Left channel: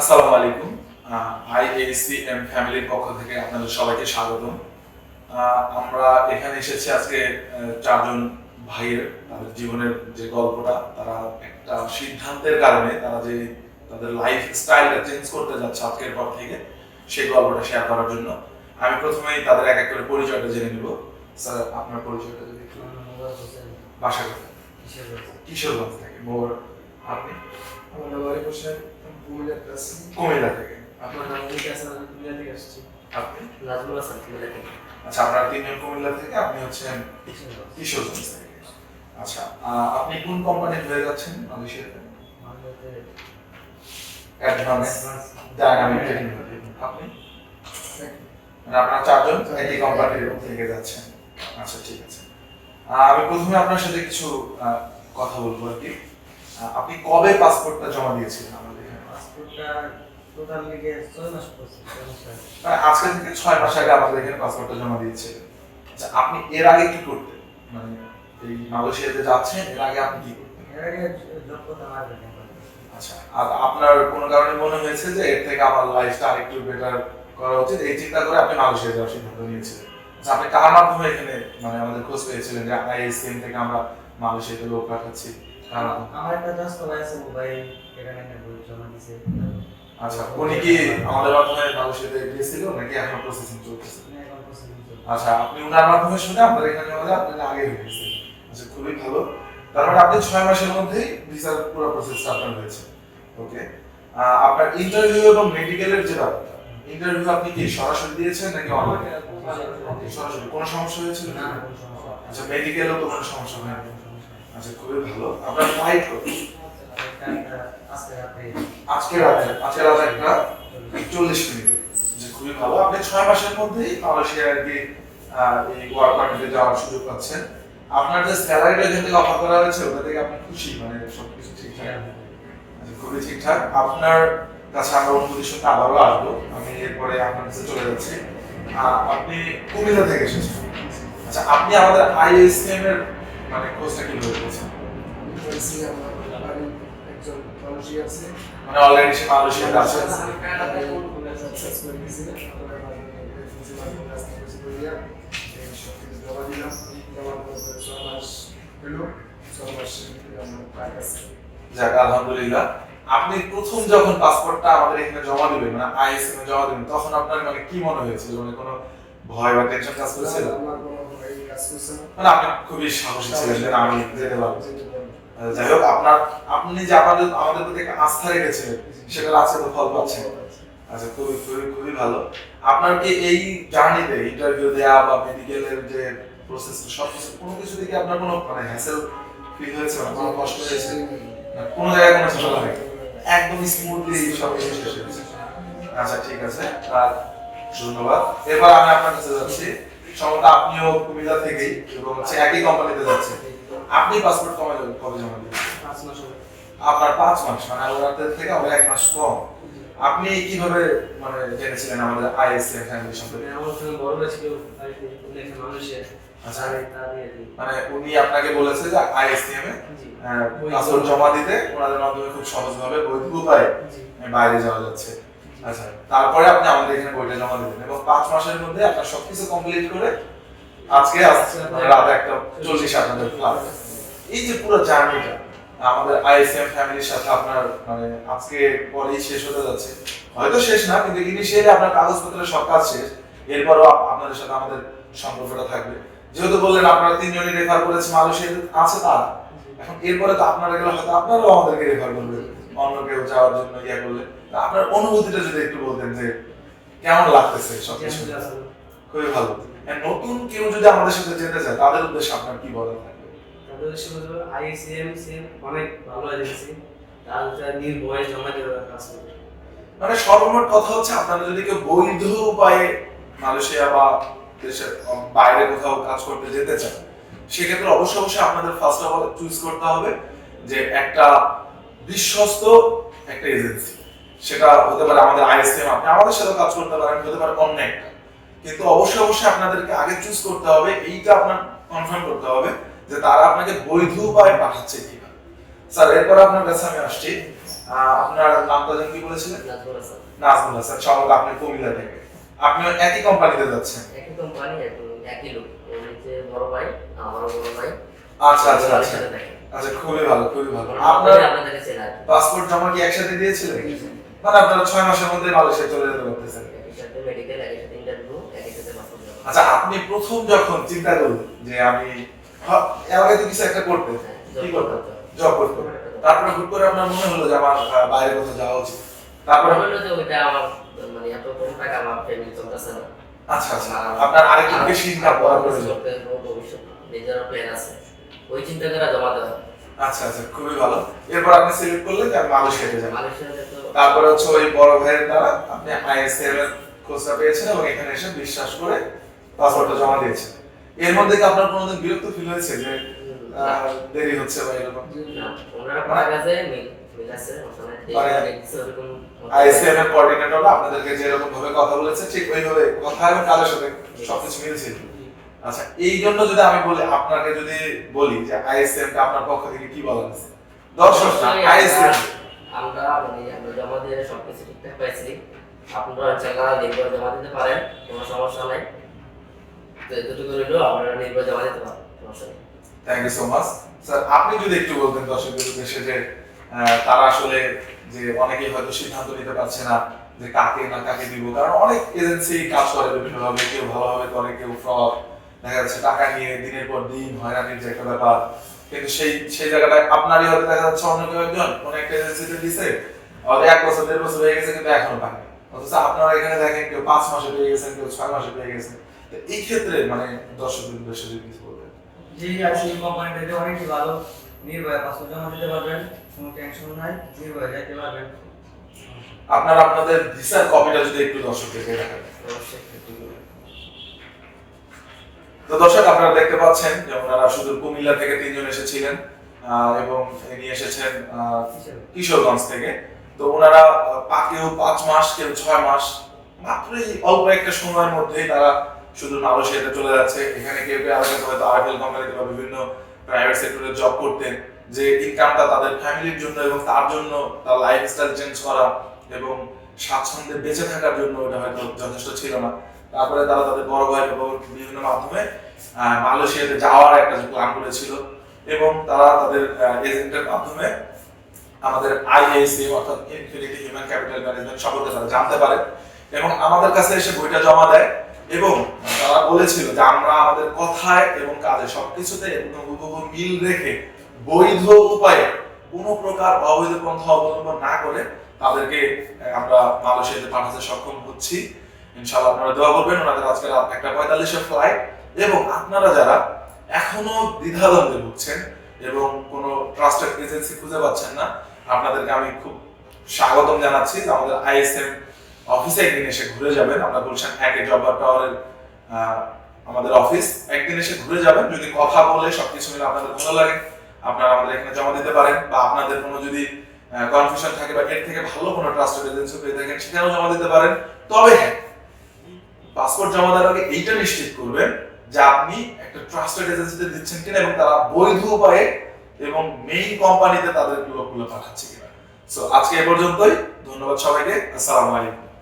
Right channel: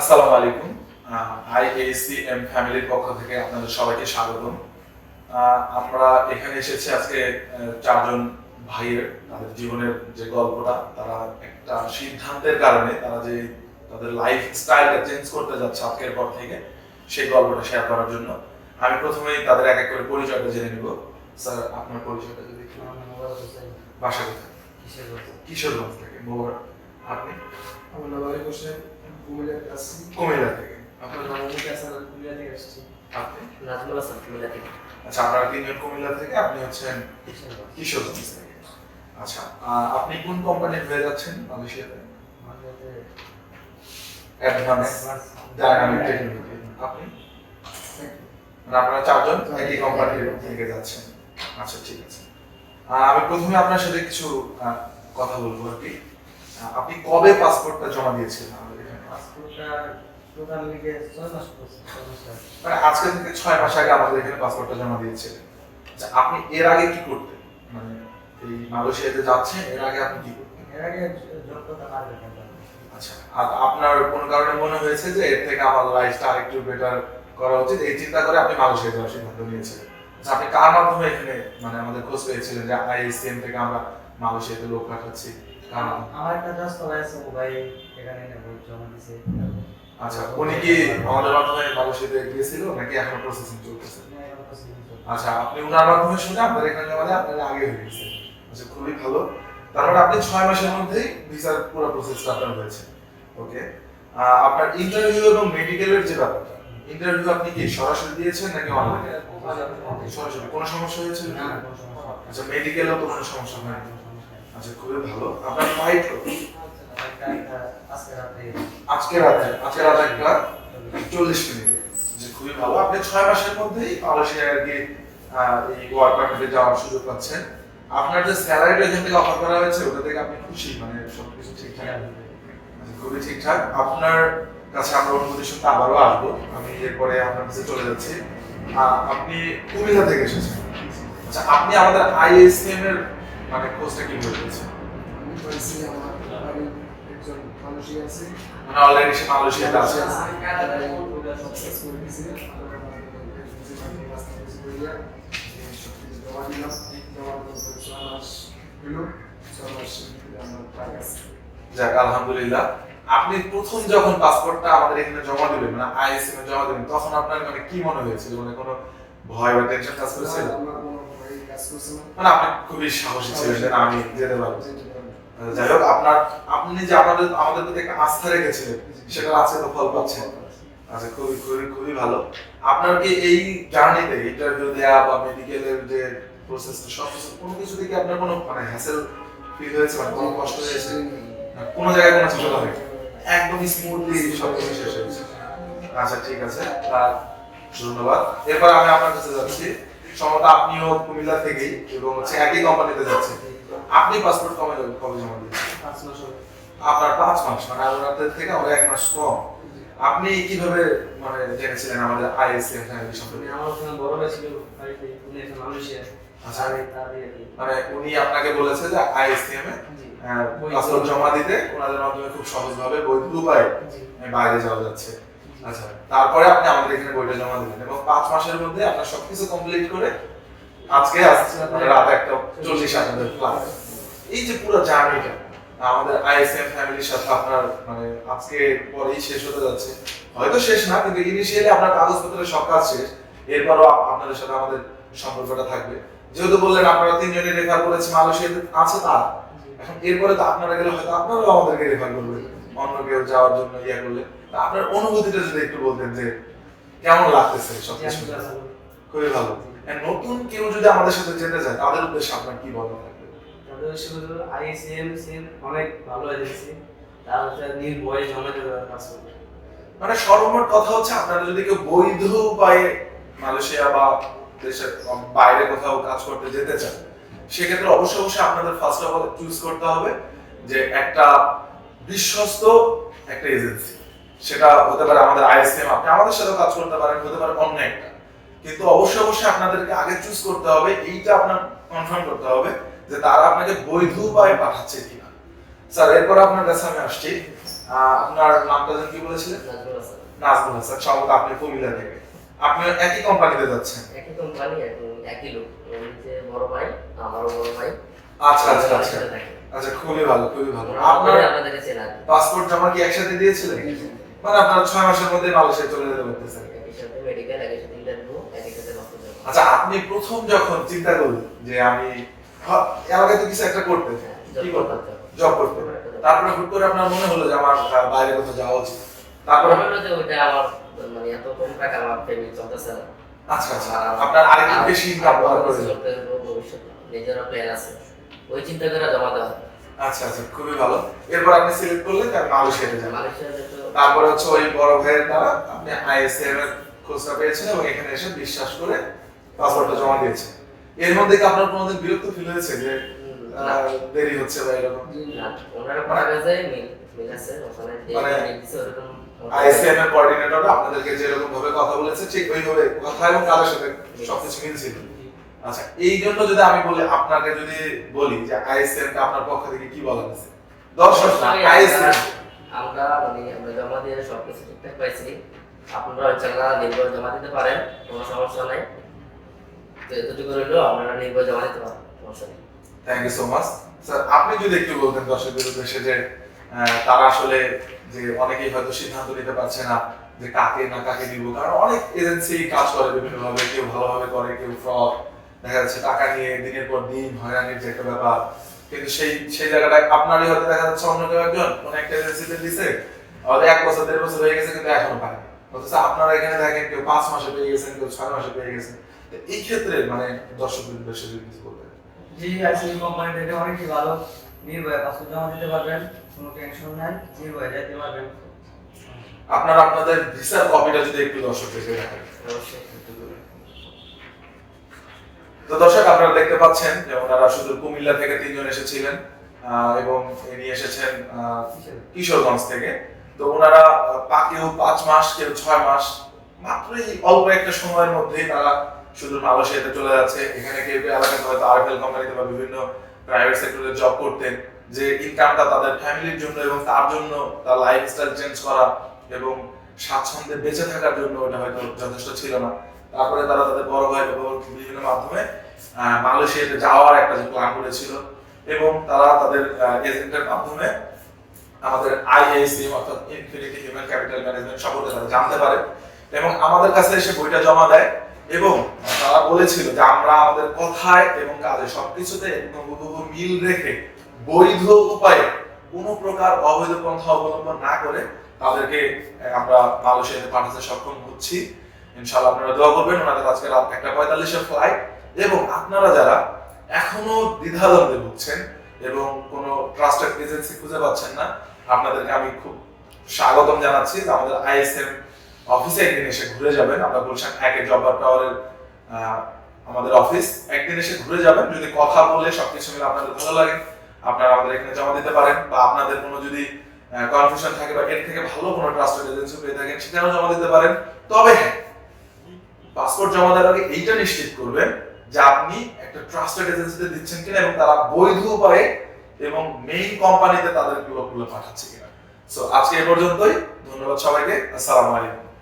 আসসালামু আলাইকুম। IAC M ফ্যামিলির পক্ষ থেকে আপনাদের সবাইকে স্বাগতম। আমরা এখানে এসেছি আজকে চারজন ভাইয়ের তাদের জীবনের যে গল্পটা তারা একটা সিদ্ধান্তের কারণে তারা যে তাদের লাইফ স্টাইলটা চেঞ্জ করতে যাচ্ছে আজকের পর থেকে সেই গল্পটা শেয়ার করার জন্য। আমি প্রথমেই তাদের এক এক করে পরিচয়টা জেনে নিব। স্যার আপনার পরিচয়টা যদি একটু বাসা কোথায়? কিশোরগঞ্জ। থেকে। আপনি? আমার আরিফ হোসেন। কুমিল্লাতে আছি কুমিল্লা থেকে। আপনার নাম অমিত হাসান আমি কুমিল্লা থেকে আসছি। আপনি? নাজমুল হাসান কুমিল্লা থেকে। আচ্ছা আপনারা তিনজন কুমিল্লা থেকে আপনি হচ্ছেন কিশোরগঞ্জ। থেকে। আচ্ছা আপনি কোন কোম্পানির হয়ে যাচ্ছেন? মালয়েশিয়াতে? অ্যাডভান্স ডায়নামিক টেকনোলজি আপনি? মানে আপনারা চারজন একই কোম্পানির থেকে যাচ্ছেন। আচ্ছা ঠিক আছে। আমি প্রথমে আপনার সাথে কিছু কথা বলব আর কি। আপনি কবে পাসপোর্টটা জমা দিয়েছিলেন? আজকে থেকে ছয় মাস আগে। আমাদের এখানে পাসপোর্টটা জমা দিয়েছিলেন। আচ্ছা আপনি এর আগে কি করতেন? মানে এই মালয়েশিয়াতে যাচ্ছেন এর আগে আপনি কি করতেন? এর আগে দক্ষতা আচ্ছা আর আপনার কোনো কারণে মনে হয়েছে যে এর থেকে আমার লাইফটা আরেকটু বেটার করা উচিত? এই চিন্তা করে আপনি মালয়েশিয়া যাওয়ার সিদ্ধান্ত নিয়েছিলেন। আচ্ছা আপনি কার মাধ্যমে এখানে মানে আমাদের খোঁজ পেয়েছিলেন যে থেকে আমরা মালয়েশিয়াতে লোক পাঠাচ্ছি? আমার একটা জাস্ট করা আছে মোবাইল এখানে নেব জমা দিছে। আচ্ছা উনি কি আমাদের মাধ্যমে মালয়েশিয়াতে গিয়েছিল নাকি এখন প্রসেসিং চলছে। আচ্ছা আপনি উনার মাধ্যমে শুনে আপনাদের এখানে দিয়ে আপনারা আগে হয়ে গেছে আচ্ছা খুবই ভালো। তার মানে আপনি ছয় মাসের মধ্যেই ভিসার পুরো প্রসেসটা আপনার হয়েছে। ওকে? আপনার ইন্টারভিউ এবং মেডিকেলের যে ব্যাপারটা ইন্টারভিউ আপনি কি সরাসরি দিয়েছেন নাকি অনলাইনে সরাসরি। কোনো সমস্যা হয়নি। আচ্ছা মেডিকেলও তো কোনো সমস্যা হয়নি। কোনো সমস্যা হয়নি। আচ্ছা খুবই ভালো। আপনার ফ্লাইট কত? আজকে রাতে আজকে রাতে একটা চল্লিশ মিনিটে। যে খুবই ভালো। আপনি ছয় মাসের মধ্যেই মালয়েশিয়া আর কি এই পারমিটে যাওয়ার সুযোগ পাচ্ছেন। আপনার যে স্যালারিটা এখান থেকে অফার করা হয়েছে ওটা থেকে আপনি খুশি? মানে সবকিছু ঠিকঠাক? আচ্ছা, খুবই ঠিকঠাক। আপনার কাছে আমরা অনুমতি শুনতে আবারও আসব। আমি এরপরে আপনার কাছে চলে যাচ্ছি। আপনি কুমিল্লা থেকে এসেছেন। আচ্ছা আপনি আমাদের আইএসএম এর মানে খোঁজটা কীভাবে আমি বলছি আমার বাড়ির একজন মানুষই আছে। মানে অলরেডি সে মালয়েশিয়াতে আছে। সাকসেস করে দিয়েছি। আপনারা মাধ্যমে বাড়ির রাস্তা বেশি করিয়া এই সব কিছু জমা দিলাম। জমা দেওয়ার পরে ছয় মাস হলো। ছয় মাস আমার প্রায় আছে। যাক আলহামদুলিল্লাহ। আপনি প্রথম যখন পাসপোর্টটা আমাদের এখানে জমা দিবেন মানে আইএসএম এ জমা দিবেন তখন আপনার মানে কি মনে হয়েছিল? মানে কোনো ভয় বা টেনশন কাজ করেছিল? আমার কোনো কাজ করছে মানে আপনি খুবই সাহসী ছিলেন আমি যেতে পারব যাই হোক আপনার আপনি যে আমাদের আমাদের প্রতি একটা আস্থা রেখেছিলেন সেটা আছে তো ফল পাচ্ছেন আচ্ছা খুবই খুবই খুবই ভালো। আপনার কি এই জার্নিতে ইন্টারভিউ দেওয়া বা মেডিকেলের যে প্রসেস সব কিছু কোনো কিছু দিকে আপনার কোনো মানে হ্যাসেল ফিল হয়েছে মানে কোনো কষ্ট হয়েছে? কোনো জায়গায় কোনো ঝামেলা নেই একদম স্মুথলি সব কিছু শেষ হয়েছে। আচ্ছা ঠিক আছে। আর ধন্যবাদ। এরপর আমি আপনার কাছে যাচ্ছি। সম্ভবত আপনিও কুমিল্লা থেকেই এবং হচ্ছে একই কোম্পানিতে যাচ্ছেন। আপনি পাসপোর্ট কবে যাবেন কবে জমা দিবেন পাঁচ মাস হবে। আপনার পাঁচ মাস মানে থেকে এক মাস কম। আপনি কীভাবে মানে জেনেছিলেন আমাদের আইএসসি ফ্যামিলি সম্পর্কে? আমার ওখানে ছিল বাড়িতে। উনি একটা মালয়েশিয়া আচ্ছা। মানে উনি আপনাকে বলেছে যে আইএসসিএম এ জমা দিতে ওনাদের মাধ্যমে। খুব সহজভাবে বৈধ উপায়ে বাইরে যাওয়া যাচ্ছে। আচ্ছা তারপরে আপনি আমাদের এখানে বইটা জমা দিবেন এবং পাঁচ মাসের মধ্যে আপনার সবকিছু কমপ্লিট করে আজকে আসছে মানে রাত একটা চল্লিশ আপনাদের ফ্লাইট এই যে পুরো জার্নিটা আমাদের আইএসএম ফ্যামিলির সাথে আপনার মানে আজকে পরেই শেষ হতে যাচ্ছে। হয়তো শেষ না, কিন্তু ইনিশিয়ালি আপনার কাগজপত্রের সব কাজ শেষ। এরপরও আপনাদের সাথে আমাদের সম্পর্কটা থাকবে। যেহেতু বললেন আপনারা তিনজনই রেফার করেছে মালয়েশিয়াতে আছে তারা এখন এরপরে তো আপনারা গেলে হয়তো আপনারাও আমাদেরকে রেফার করবেন। অন্য কেউ যাওয়ার জন্য ইয়ে করলে আপনার অনুভূতিটা যদি একটু বলতেন যে কেমন লাগতেছে সব জি, কিছু আমি ভালো। খুবই ভালো। আর নতুন কেউ যদি আমাদের সাথে যেতে চায় তাদের উদ্দেশ্যে আপনার কি বলা থাকবে তাদের হিসেবে আইএসএম সিএম অনেক ভালো এজেন্সি তার হচ্ছে নির্ভয়ে জমা দেবে কাজ করবে মানে সর্বমোট কথা হচ্ছে আপনারা যদি কেউ বৈধ উপায়ে মালয়েশিয়া বা দেশের বাইরে কোথাও কাজ করতে যেতে চান সেক্ষেত্রে অবশ্যই অবশ্যই আপনাদের ফার্স্ট অফ অল চুজ করতে হবে যে একটা বিশ্বস্ত একটা এজেন্সি সেটা হতে পারে আমাদের আইএসএম আপনি আমাদের সাথে কাজ করতে পারেন হতে পারে অন্য একটা। কিন্তু অবশ্যই অবশ্যই আপনাদেরকে আগে চুজ করতে হবে এইটা আপনার কনফার্ম করতে হবে যে তারা আপনাকে বৈধ উপায়ে পাঠাচ্ছে কিনা। স্যার এরপর আপনার কাছে আমি আসছি। আপনার নামটা যেন কি বলেছিলেন? নাজমুল হাসান। সম্ভবত আপনি কুমিল্লা থেকে। আপনি একই কোম্পানিতে যাচ্ছেন? একই কোম্পানি একই লোক। যে বড় ভাই আমারও বড় ভাই। আচ্ছা আচ্ছা আচ্ছা। আচ্ছা খুবই ভালো খুবই ভালো। আপনার আপনার আপনাদেরকে চেনা পাসপোর্ট জমা কি একসাথে দিয়েছিলেন? মানে আপনারা ছয় মাসের মধ্যে মালয়েশিয়া চলে যেতে পারতেছেন। একই সাথে মেডিকেল একই সাথে ইন্টারভিউ একই সাথে পাসপোর্ট আচ্ছা আপনি প্রথম যখন চিন্তা করলেন যে আমি এলাকায় তো কিছু একটা করতে হ্যাঁ, কি করতে জব করতে তারপরে হুট করে আপনার মনে হলো যে আমার বাইরে কোথাও যাওয়া উচিত। তারপরে হলো যে ওইটা আমার মানে এত কম টাকা আমার ফ্যামিলি চলতেছে না। আচ্ছা আচ্ছা। আপনার আরেকটু বেশি ইনকাম করার প্রয়োজন ভবিষ্যৎ নিজের প্ল্যান আছে। ওই চিন্তা করে জমা দেওয়া। আচ্ছা আচ্ছা খুবই ভালো। এরপর আপনি সিলেক্ট করলেন আমি মালয়েশিয়াতে যাব মালয়েশিয়াতে তারপরে হচ্ছে ওই বড় ভাইয়ের দ্বারা আপনি আইএসএম এর খোঁজটা পেয়েছেন এবং এখানে এসে বিশ্বাস করে পাসপোর্টটা জমা দিয়েছেন। এর মধ্যে কি আপনার কোনোদিন বিরক্ত ফিল হয়েছে যে দেরি হচ্ছে বা এরকম? না, ওনারা পড়া গেছে মিল আছে মানে আইএসএম এর কোঅর্ডিনেটর আপনাদেরকে যেরকম ভাবে কথা বলেছে ঠিক ওইভাবে কথা এবং কারোর সাথে সবকিছু মিলছিল আচ্ছা এই জন্য যদি আমি বলি আপনাকে যদি বলি যে আইএসএম কে আপনার পক্ষ থেকে কি বলা হয়েছে দর্শক আইএসএম। আমরা- মানে আমরা জমা দিয়ে সবকিছু ঠিকঠাক পাইছি। আপনারা ইনশাল্লাহ নির্ভর জমা দিতে পারেন কোনো সমস্যা নাই। তো এতটুকু রইল আপনারা নির্ভর জমা দিতে পারেন সমস্যা নেই। Thank you so much sir আপনি যদি একটু বলতেন দর্শকদের উদ্দেশ্যে যে তারা আসলে যে অনেকেই হয়তো সিদ্ধান্ত নিতে পারছে না যে কাকে না কাকে দিব কারণ অনেক এজেন্সি কাজ করে বিভিন্ন ভাবে কেউ ভালোভাবে করে কেউ ফ্রড দেখা যাচ্ছে টাকা নিয়ে দিনের পর দিন হয়রানির যে একটা ব্যাপার। কিন্তু সেই সেই জায়গাটায় আপনারই হয়তো দেখা যাচ্ছে অন্য কেউ একজন কোন একটা এজেন্সিতে দিছে হয়তো এক বছর দেড় বছর হয়ে গেছে কিন্তু এখনও পায়নি অথচ আপনারা এখানে দেখেন কেউ পাঁচ মাসে পেয়ে গেছেন কেউ ছয় মাসে পেয়ে গেছেন। তো এই ক্ষেত্রে মানে দর্শকদের উদ্দেশ্যে যদি কিছু বলতেন জি আইসি কোম্পানি থেকে অনেকই ভালো। নির্ভয়ে পাসপোর্ট জমা দিতে পারবেন কোনো টেনশন নাই। নির্ভয়ে যাইতে পারবেন। আপনারা আপনাদের ভিসার কপিটা যদি একটু দর্শকদেরকে দেখান। অবশ্যই। তো দর্শক আপনারা দেখতে পাচ্ছেন যে ওনারা শুধু কুমিল্লা থেকে তিনজন এসেছিলেন এবং ইনি এসেছেন কিশোরগঞ্জ থেকে। তো ওনারা আহ, পা- কেউ পাঁচ মাস কেউ ছয় মাস মাত্রই অল্প একটা সময়ের মধ্যেই তারা শুধু মালয়েশিয়াতে চলে যাচ্ছে। এখানে কেউ কেউ আলাদা হয়তো আরএফএল কোম্পানিতে বা বিভিন্ন প্রাইভেট সেক্টরে জব করতেন যে ইনকামটা তাদের ফ্যামিলির জন্য এবং তার জন্য তার লাইফস্টাইল চেঞ্জ করা এবং স্বাচ্ছন্দ্যে বেঁচে থাকার জন্য ওটা হয়তো যথেষ্ট ছিল না। তারপরে তারা তাদের বড় ভাই বিভিন্ন মাধ্যমে মালয়েশিয়াতে যাওয়ার একটা যে প্ল্যান করেছিল এবং তারা তাদের এজেন্টের মাধ্যমে আমাদের আইএসএম অর্থাৎ ইনফিনিটি হিউম্যান ক্যাপিটাল ম্যানেজমেন্ট সম্পর্কে তারা জানতে পারে এবং আমাদের কাছে এসে বইটা জমা দেয় এবং তারা বলেছিল যে আমরা আমাদের কথায় এবং কাজে সবকিছুতে মিল রেখে বৈধ উপায়ে কোনো প্রকার অবৈধ পন্থা অবলম্বন না করে তাদেরকে আমরা মালয়েশিয়াতে পাঠাতে সক্ষম হচ্ছি। ইনশাআল্লাহ আপনারা দোয়া করবেন, ওনাদের আজকে রাত একটা পঁয়তাল্লিশের ফ্লাইট এবং আপনারা যারা এখনও দ্বিধাদ্বন্দ্বে ভুগছেন এবং কোনো ট্রাস্টেড এজেন্সি খুঁজে পাচ্ছেন না, আপনাদেরকে আমি খুব স্বাগতম জানাচ্ছি আমাদের আইএসএম অফিসে একদিন এসে ঘুরে যাবেন। আমরা বলছেন একে জব্বার টাওয়ারের আমাদের অফিস একদিন এসে ঘুরে যাবেন। যদি কথা বলে সবকিছু মিলে আপনাদের ভালো লাগে, আপনারা আমাদের এখানে জমা দিতে পারেন, বা আপনাদের কোনো যদি কনফিউশন থাকে বা এর থেকে ভালো কোনো ট্রাস্টেড এজেন্সি পেয়ে থাকেন, সেখানেও জমা দিতে পারেন। তবে হ্যাঁ পাসপোর্ট জমা দেওয়ার আগে এইটা নিশ্চিত করবেন যে আপনি একটা ট্রাস্টেড এজেন্সিতে দিচ্ছেন কিনা এবং তারা বৈধ উপায়ে এবং মেইন কোম্পানিতে তাদের লোকগুলো পাঠাচ্ছে কিনা। সো আজকে এ পর্যন্তই। ধন্যবাদ সবাইকে। আসসালামু আলাইকুম।